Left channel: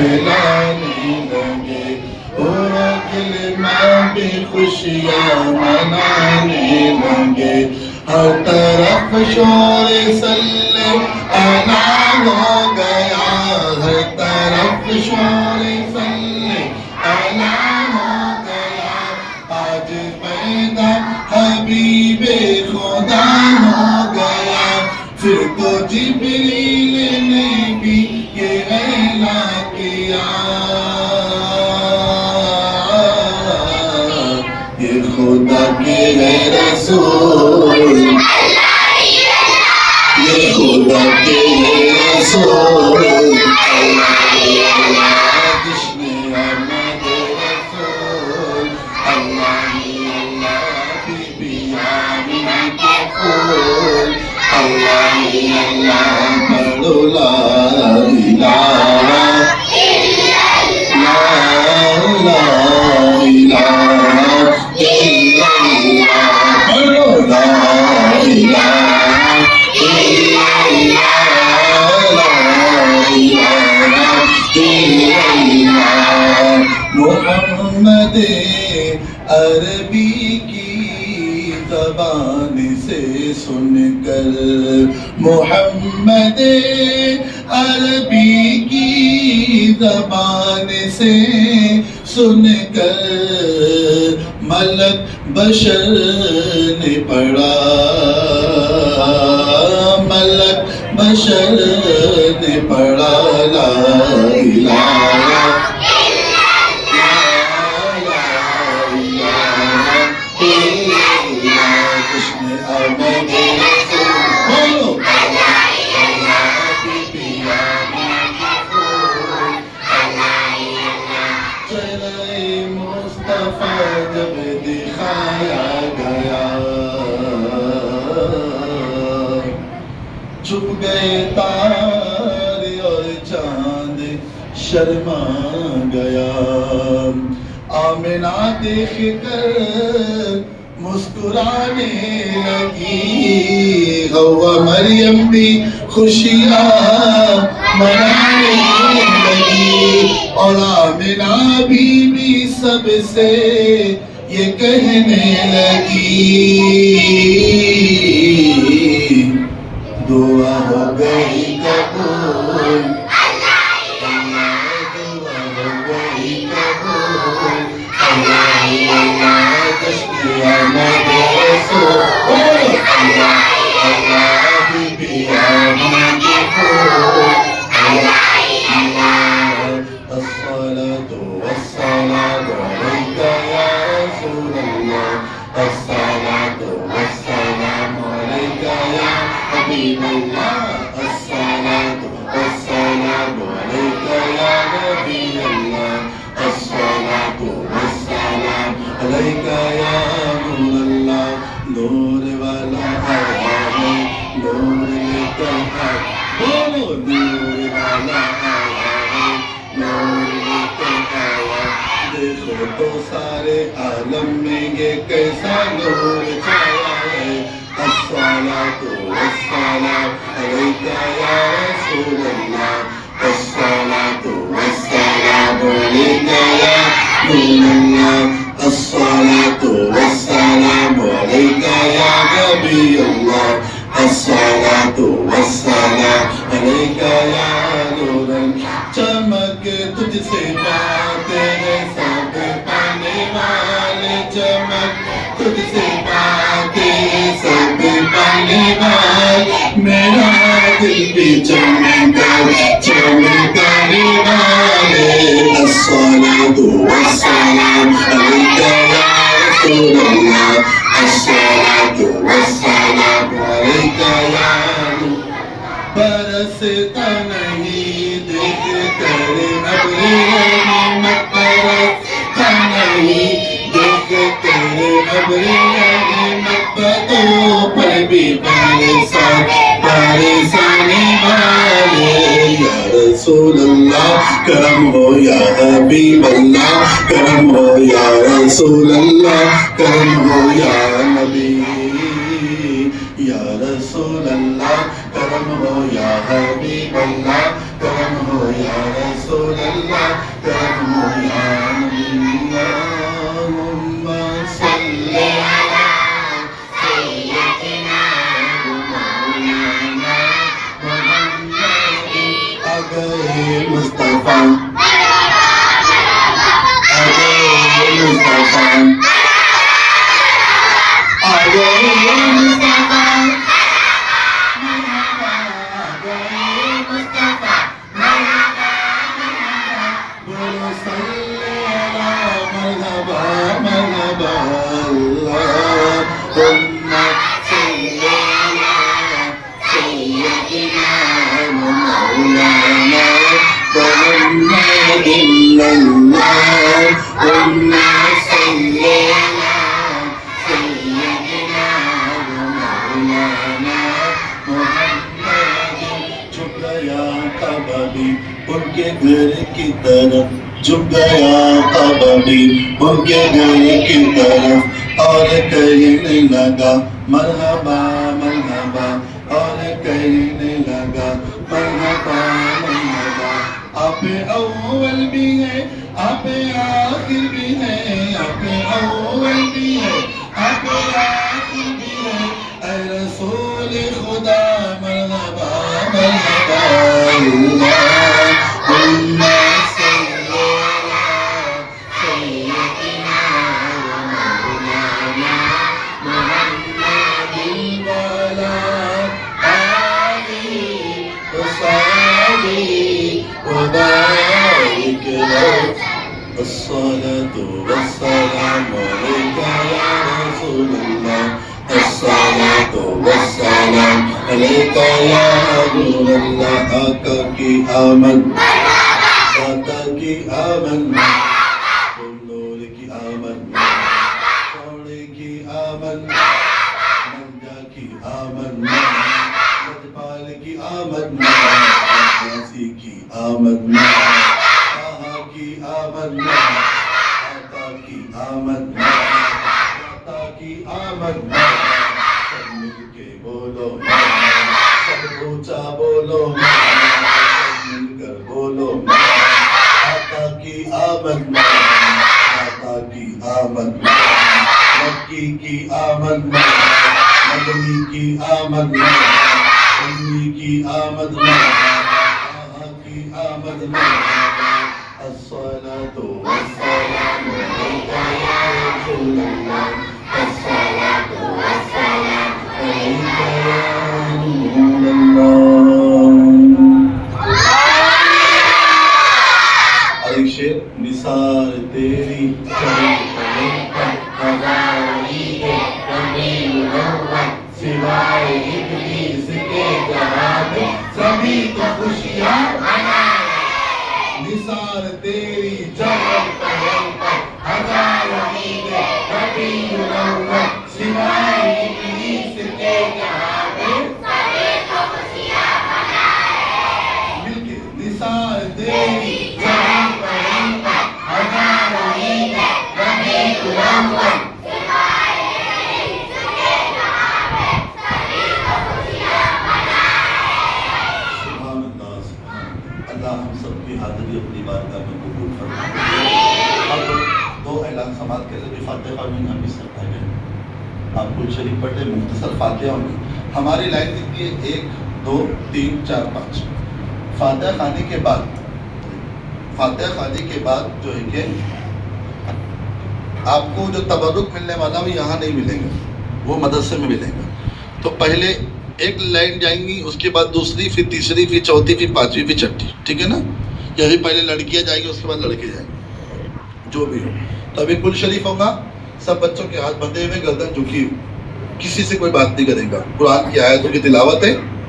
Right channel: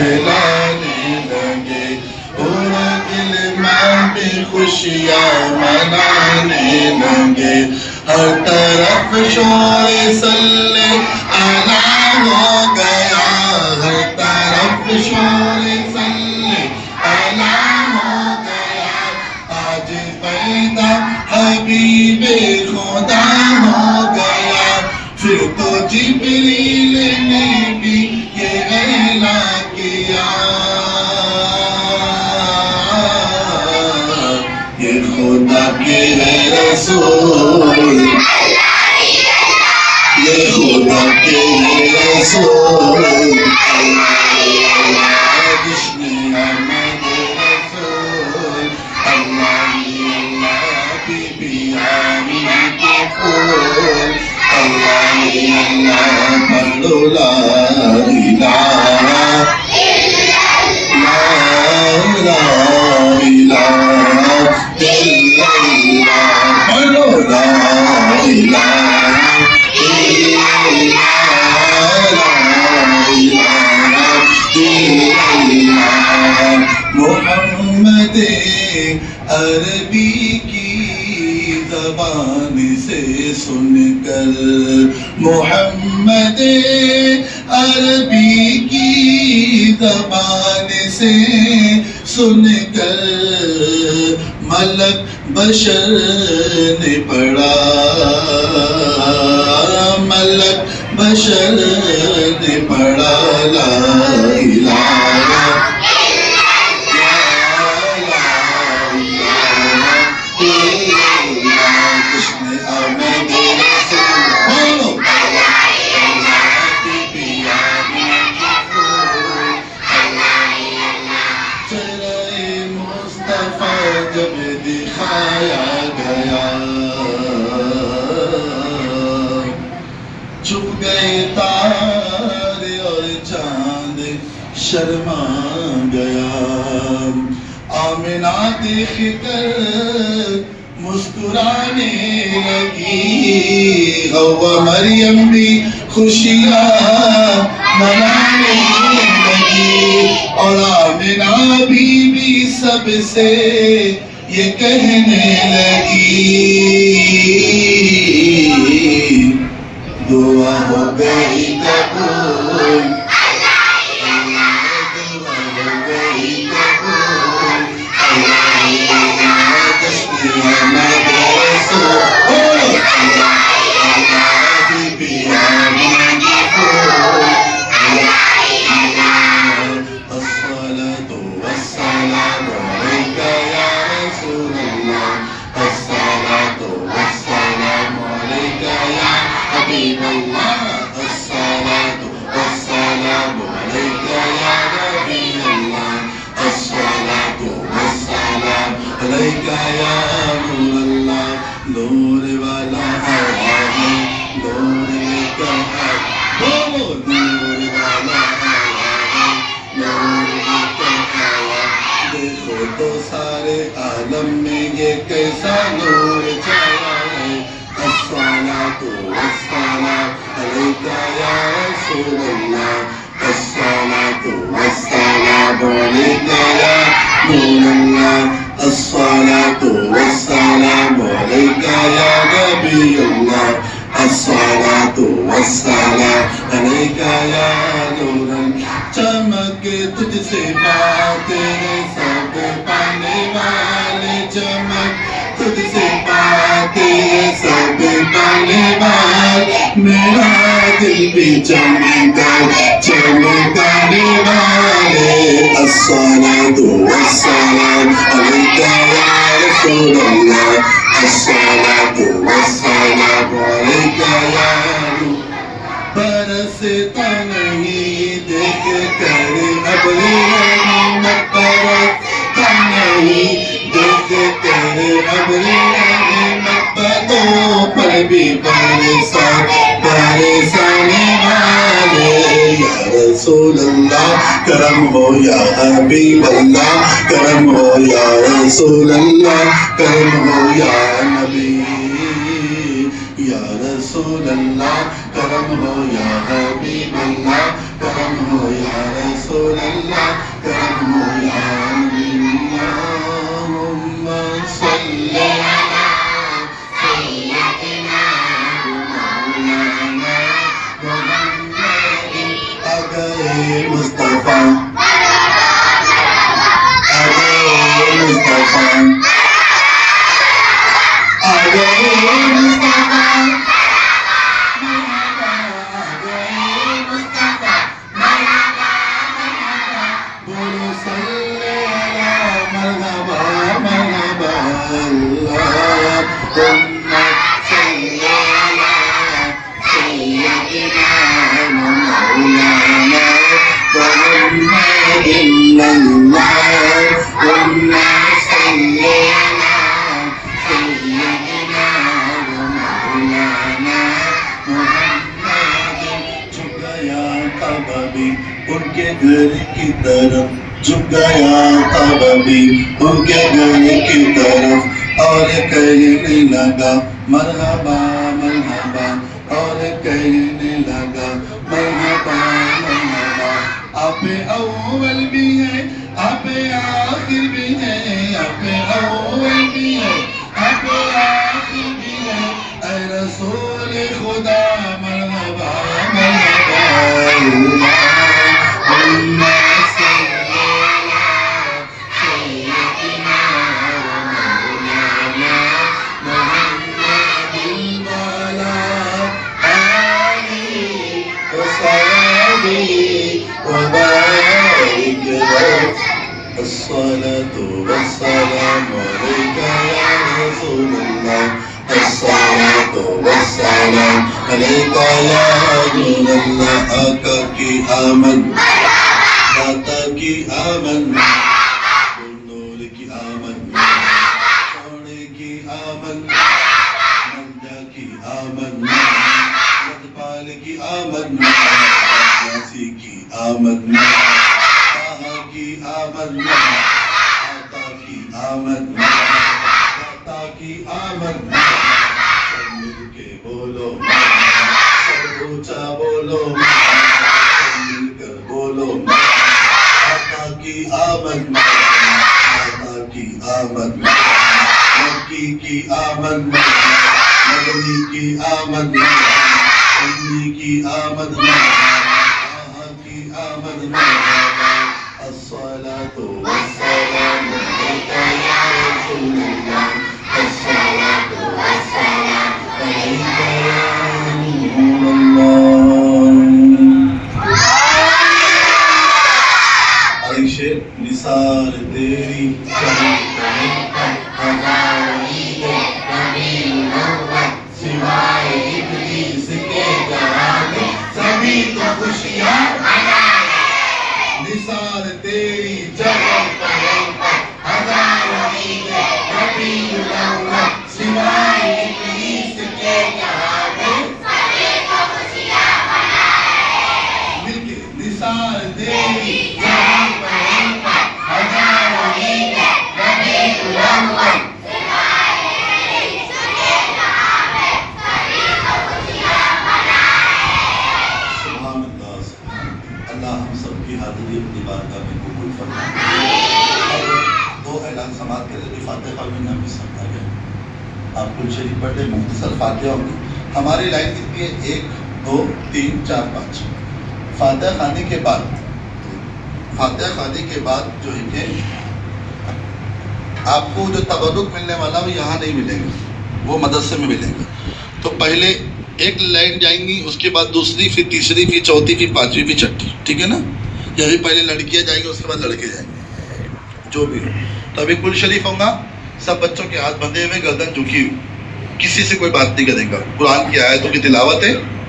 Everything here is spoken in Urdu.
پھیلانے لگے، پورا دل میں بھی خوشیاں منانے لگے، ہر طرف شور صلی اللہ ہو گیا، ہر طرف شور صلی اللہ ہو گیا، آج پیدا حبیب خدا ہو گیا، پھر تو جبریل نے بھی یہ اعلان کیا، یہ خدا کے ہے رسول، یہ خدا کے ہے رسول، جس نے آمد رسول، اللہ بی بی آمنہ کے پھول، اللہ پڑھو لا الہ لا الہ الا اللہ، پڑھو لا الہ الا اللہ، لا الہ الا اللہ، محمد عربی کی زبان سے سن کر، محمد عربی کی زبان سے سن کر، ملک بشر نے پڑھا، ملک بشر نے پڑھا لا الہ جب دکھایا گیا، چھپ گئے تارے اور چاند شرما گیا، آمنہ دیکھ کر مسکرانے لگی، حوا مریم بھی خوشیاں منانے لگی، اور آمنہ بھی سب سے یہ کہنے لگی، دعا ہو گئی قبول، دعا ہو گئی قبول، جشن آمد رسول، بی بی آمنہ کے پھول، الصلاة والسلام عليك يا رسول الله، الصلاة والسلام عليك يا حبيب الله، الصلاة والسلام عليك يا نبي الله، الصلاة والسلام عليك يا نور الله، نور والا آیا ہے، نور لے کر آیا، بولو نور والا آیا ہے، نور لے کر آیا، دیکھو تو سارے عالم میں یہ کیسا نور چھایا ہے، الصلاة والسلام علیک یا رسول اللہ، الصلاة والسلام علیک یا نور اللہ، الصلاة والسلام علیک یا نبی اللہ، الصلاة والسلام علیک یا نور اللہ، چمک تجھ سے باتیں ہیں سب پانے والے، چمک تجھ سے باتیں ہیں سب پانے والے، میرا دل بھی چمکا چمکانے والے، الصلاة والسلام علیک یا رسول اللہ، الصلاة والسلام علیک یا نور، برستا نہیں دیکھ کر ابر رحمت، برستا نہیں دیکھ کر ابر رحمت، بدوں پر بھی برسانے والے، یا رسول اللہ کرم ہو، یا حبیب اللہ کرم ہو، یا رسول اللہ کرم ہو، یا نبی یا رسول اللہ کرم ہو، یا حبیب اللہ کرم ہو، یا رسول اللہ اللہ کرم ہو یا نبی اللہم صلی علی سیدنا مولانا محمد اگئے مصطفیٰ ان کے گھر کی طرف جھک گیا کعبہ بھی ان کے گھر کی طرف اور کہنے لگا مرحبا مرحبا اور کہنے لگا مرحبا مرحبا آپ اول بھی ہیں آپ آخر بھی ہیں آپ اول بھی ہیں آپ آخر بھی ہیں اے رسول خدا مرحبا مرحبا الصلاة والسلام عليك يا رسول الله الصلاة والسلام عليك يا رسول الله آقا کی آمد داتا کی آمد نور کی آمد سونے کی آمد منجا کی آمد مدپال کی آمد یاسی کی آمد کی آمد آتا کی آمد داتا کی آمد سب مل کے بولو سب اونچا بولو سب مل کر بولو آتا کی آمد داتا کی آمد مکی کی آمد مدنی کی آمد سنی کی آمد کی آمد الصلاة والسلام عليك يا رسول الله الصلاة والسلام عليك يا رسول الله اور ایک شعر نثار تیری سوائے ابلیس کے جہاں میں سبھی تو خوشیاں نثار تیری جگہ ہزاروں عیدیں ربیع الاول سوائے ابلیس کے جہاں میں سبھی کو خوشیاں منائے مل کے نثار تیری جگہ ہزاروں عیدیں ربیع الاول اپنی بارگاہ میں قبول فرمائے اور دو اعلان سماعت کے ذریعے فاتحہ میں ہم اس سب آگے آپ کل شریف پڑھیں مختصر فاتحہ ہوگی ہماری لائن کتنی ہے 1 2 3 4 5 فاتحہ خانے کے بعد جو ہے کہ آپ کو جو تبرک ملنے والا وہ یہاں نہیں ملے گا وہ مدرسے میں ملے گا تو پہلے ایک لائن جائیں گی اس کے بعد دوسری پھر تیسری پھر چوتھی پھر پانچویں پھر چھٹی ٹھیک ہے نا یا ابھی پہلے لڑکیاں جائیں گی اس کے بعد لڑکے جائیں گے جو بھی ہو تو ابھی کل شریف ہوگا سب بچوں کے ہاتھ بندھے ہوئے گردن جھکی ہوئی کسی سے کوئی بات نہیں کرے گا قرآن کی آیتوں کی تلاوت ہے